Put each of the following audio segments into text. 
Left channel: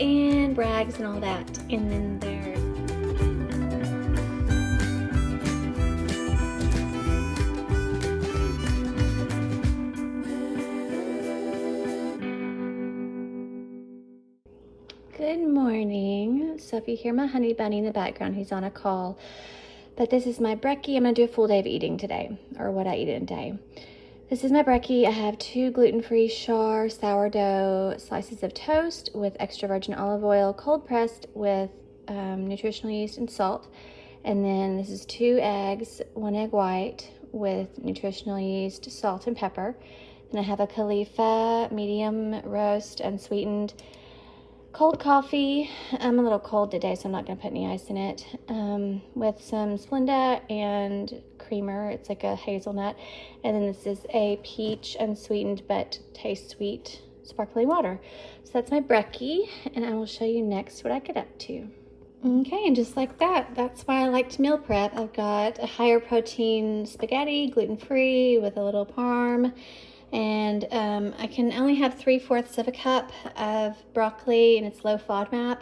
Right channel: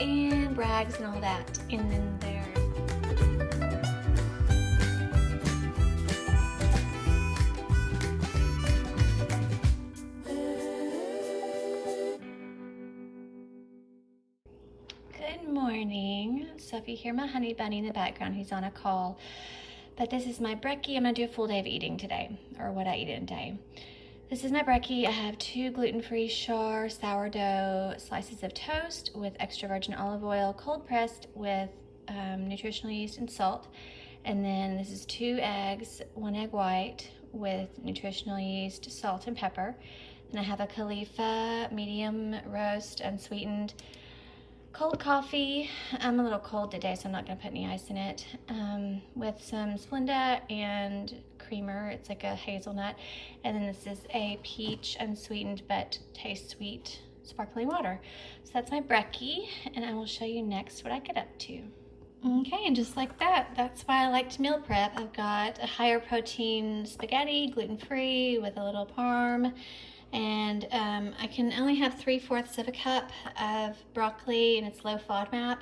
and Bragg's and all that. And then there's Good morning. So if you hear my honey bunny in the background, he's on a call. But this is my brekkie. I'm gonna do a full day of eating today, or what I eat in a day. This is my brekkie. I have 2 gluten-free Char sourdough slices of toast with extra virgin olive oil, cold pressed with nutritional yeast and salt. And then this is 2 eggs, 1 egg white with nutritional yeast, salt, and pepper. And I have a Khalifa medium roast unsweetened cold coffee. I'm a little cold today, so I'm not going to put any ice in it, with some Splenda and creamer. It's like a hazelnut. And then this is a peach unsweetened but tastes sweet sparkling water. So that's my brekkie, and I will show you next what I get up to. Okay, and just like that, that's why I like to meal prep. I've got a higher protein spaghetti, gluten-free with a little parm. And I can only have 3/4 of a cup of broccoli, and it's low FODMAP.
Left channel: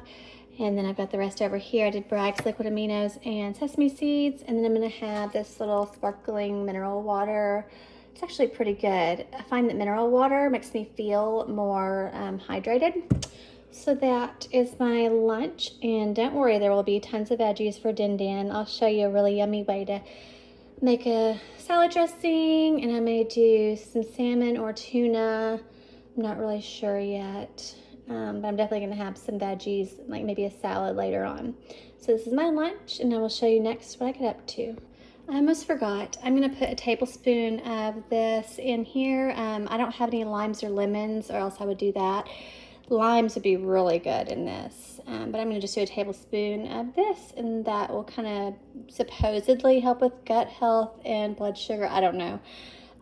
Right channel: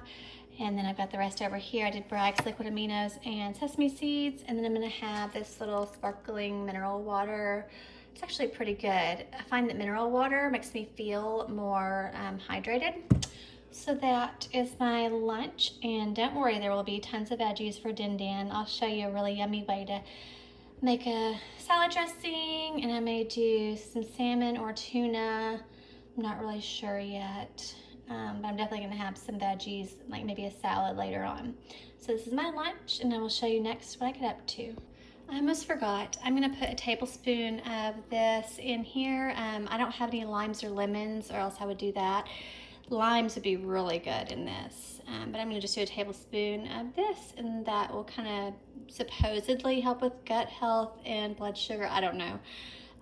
And then I've got the rest over here. I did Bragg's liquid aminos and sesame seeds. And then I'm gonna have this little sparkling mineral water. It's actually pretty good. I find that mineral water makes me feel more hydrated. So that is my lunch. And don't worry, there will be tons of veggies for Din Din. I'll show you a really yummy way to make a salad dressing, and I may do some salmon or tuna. I'm not really sure yet, but I'm definitely gonna have some veggies, like maybe a salad later on. So this is my lunch, and I will show you next what I get up to. I almost forgot. I'm gonna put a tablespoon of this in here. I don't have any limes or lemons, or else I would do that. Limes would be really good in this, but I'm gonna just do a tablespoon of this, and that will kind of supposedly help with gut health and blood sugar. I don't know.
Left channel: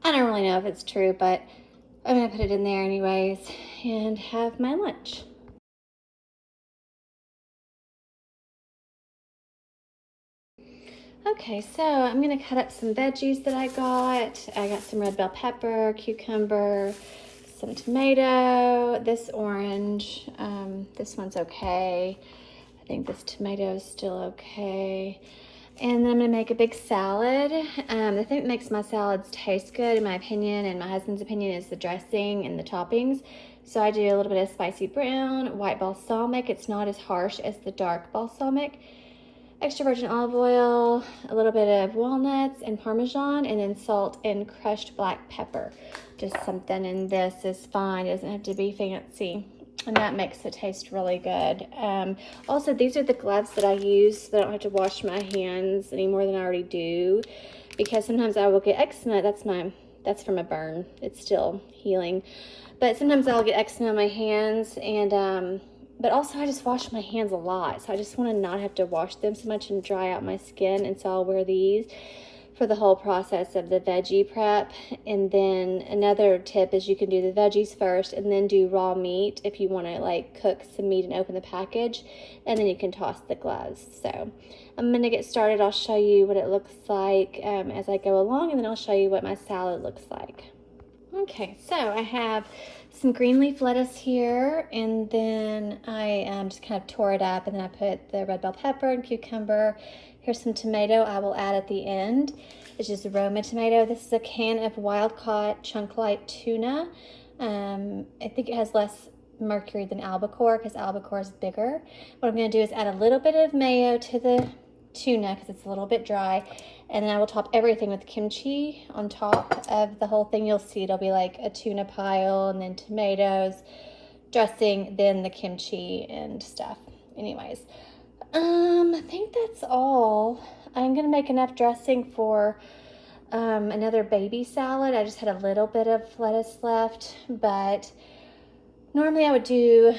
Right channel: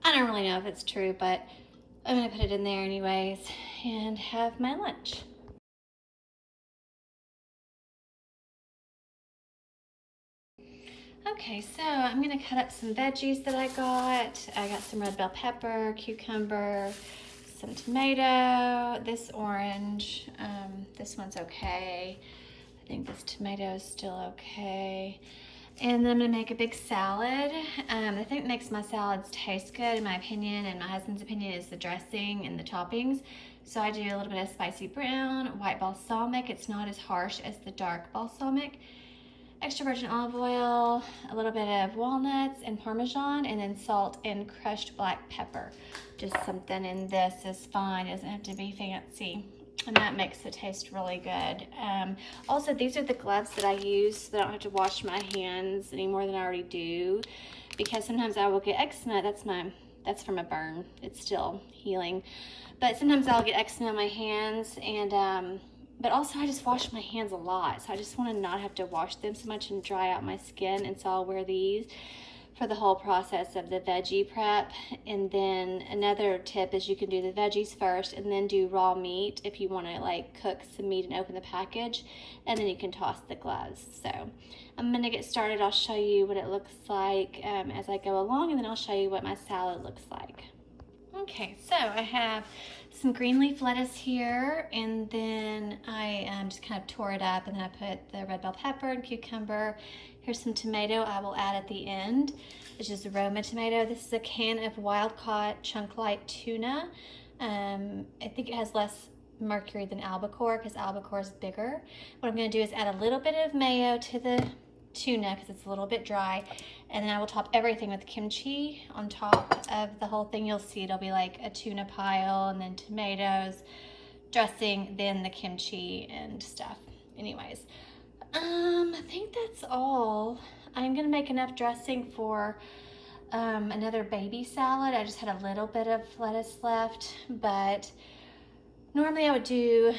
I don't really know if it's true, but I'm gonna put it in there anyways and have my lunch. Okay, so I'm gonna cut up some veggies that I got. I got some red bell pepper, cucumber, some tomato, this orange, this one's okay. I think this tomato is still okay. And then I'm gonna make a big salad. The thing that makes my salads taste good, in my opinion, and my husband's opinion, is the dressing and the toppings. So I do a little bit of spicy brown, white balsamic. It's not as harsh as the dark balsamic. Extra virgin olive oil, a little bit of walnuts and Parmesan, and then salt and crushed black pepper. Just something in this is fine. It doesn't have to be fancy, and that makes it taste really good. Also, these are the gloves that I use so that I don't have to wash my hands any more than I already do, because sometimes I will get eczema. That's from a burn. It's still healing, but sometimes I'll get eczema on my hands, and but also I just wash my hands a lot, so I just want to not have to wash them so much and dry out my skin. And so I'll wear these for the whole process of the veggie prep. And then another tip is you can do the veggies first and then do raw meat if you want to like cook some meat and open the package, and then you can toss the gloves. So I'm gonna get started. I'll show you what it looks like as I go along, and then I'll show you what my salad looks like. Okay, so I have some green leaf lettuce here, and then I just kind of tore it up, and then I put the red bell pepper and cucumber. Here's some tomato I will add at the end. It's just Roma tomato. This is a can of wild-caught chunk-light tuna. I think it has less mercury than albacore, because albacore is bigger. What I'm going to do is add a little bit of mayo to the tuna because it's a little bit dry, and then I will top everything with kimchi on top of the whole thing. You'll see it'll be like a tuna pile, and then tomatoes, dressing, then the kimchi and stuff. Anyways, I think that's all. I'm gonna make enough dressing for another baby salad. I just had a little bit of lettuce left, but normally I would do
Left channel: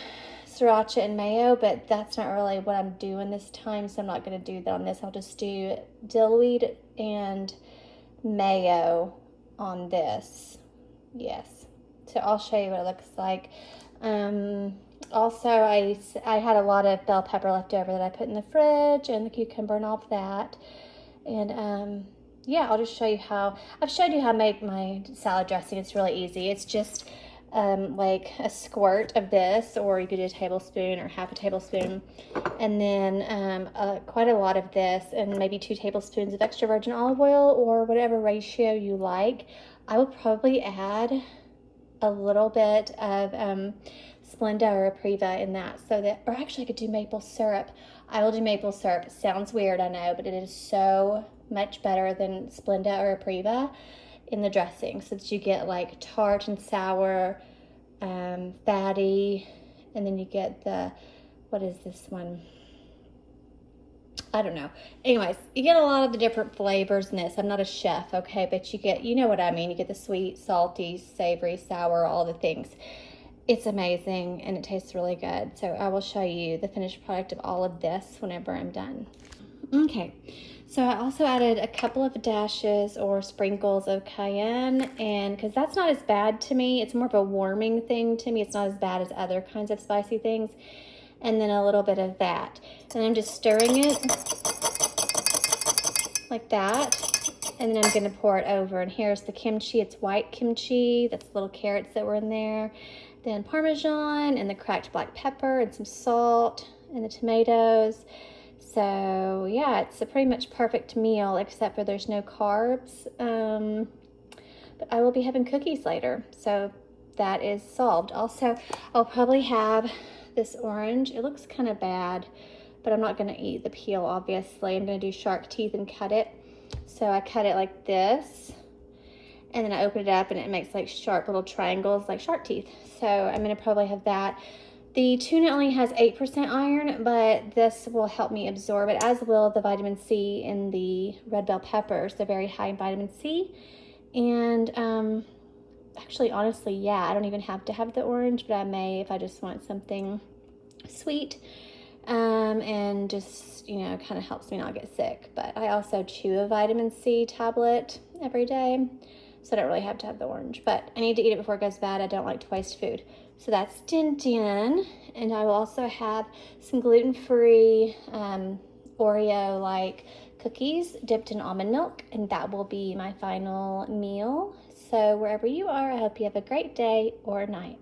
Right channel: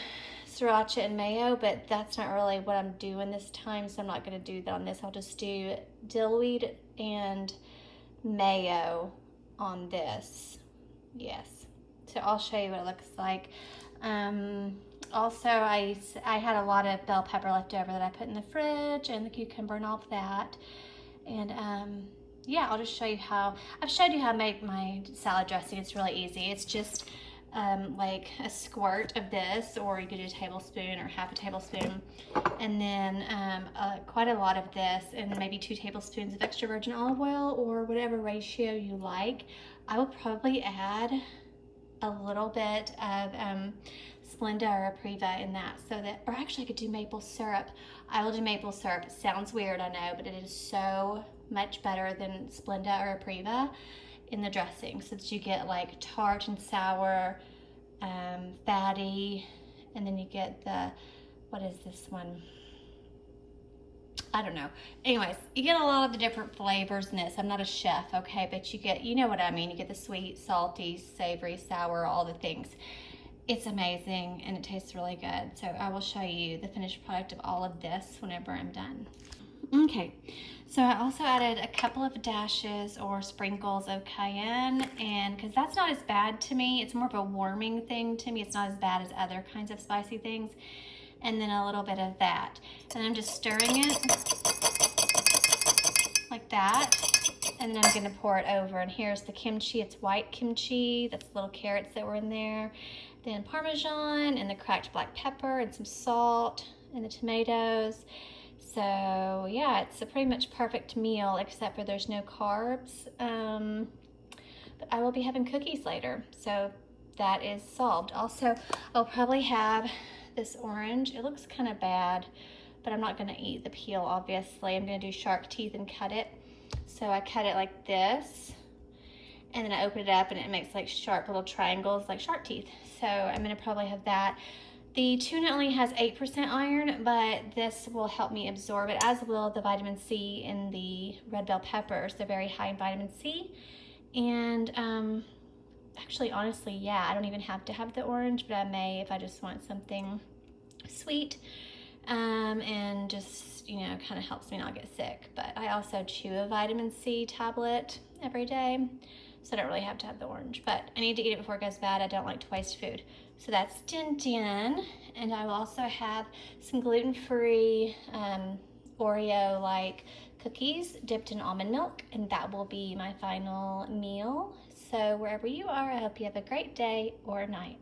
sriracha and mayo, but that's not really what I'm doing this time, so I'm not going to do that on this. I'll just do dillweed and mayo on this. Yes, so I'll show you what it looks like. Also, I had a lot of bell pepper left over that I put in the fridge, and the cucumber and all of that. And yeah, I'll just show you how I've showed you how I make my salad dressing. It's really easy. It's just like a squirt of this, or you could do a tablespoon or half a tablespoon, and then quite a lot of this, and maybe 2 tablespoons of extra virgin olive oil, or whatever ratio you like. I will probably add a little bit of Splenda or Apriva in that, so that, or actually I could do maple syrup. I will do maple syrup. It sounds weird, I know, but it is so much better than Splenda or Apriva in the dressing, so that you get like tart and sour, fatty, and then you get the, what is this one? I don't know. Anyways, you get a lot of the different flavors in this. I'm not a chef, okay, but you get, you know what I mean. You get the sweet, salty, savory, sour, all the things. It's amazing, and it tastes really good. So I will show you the finished product of all of this whenever I'm done. Okay, so I also added a couple of dashes or sprinkles of cayenne, and because that's not as bad to me, it's more of a warming thing to me. It's not as bad as other kinds of spicy things. And then a little bit of that. And I'm just stirring it like that. And then I'm gonna pour it over. And here's the kimchi. It's white kimchi. That's little carrots that were in there. Then Parmesan and the cracked black pepper and some salt and the tomatoes. So yeah, it's a pretty much perfect meal, except for there's no carbs. But I will be having cookies later, so that is solved. Also, I'll probably have this orange. It looks kind of bad, but I'm not gonna eat the peel, obviously. I'm gonna do shark teeth and cut it. So I cut it like this, and then I open it up and it makes like sharp little triangles like shark teeth. So I'm gonna probably have that. The tuna only has 8% iron, but this will help me absorb it, as will the vitamin C in the red bell peppers. They're very high in vitamin C. And actually, honestly, yeah, I don't even have to have the orange, but I may if I just want something sweet, and just, you know, kind of helps me not get sick. But I also chew a vitamin C tablet every day, so I don't really have to have the orange, but I need to eat it before it goes bad. I don't like to waste food. So that's din din, and I will also have some gluten-free Oreo-like cookies dipped in almond milk, and that will be my final meal. So wherever you are, I hope you have a great day or night.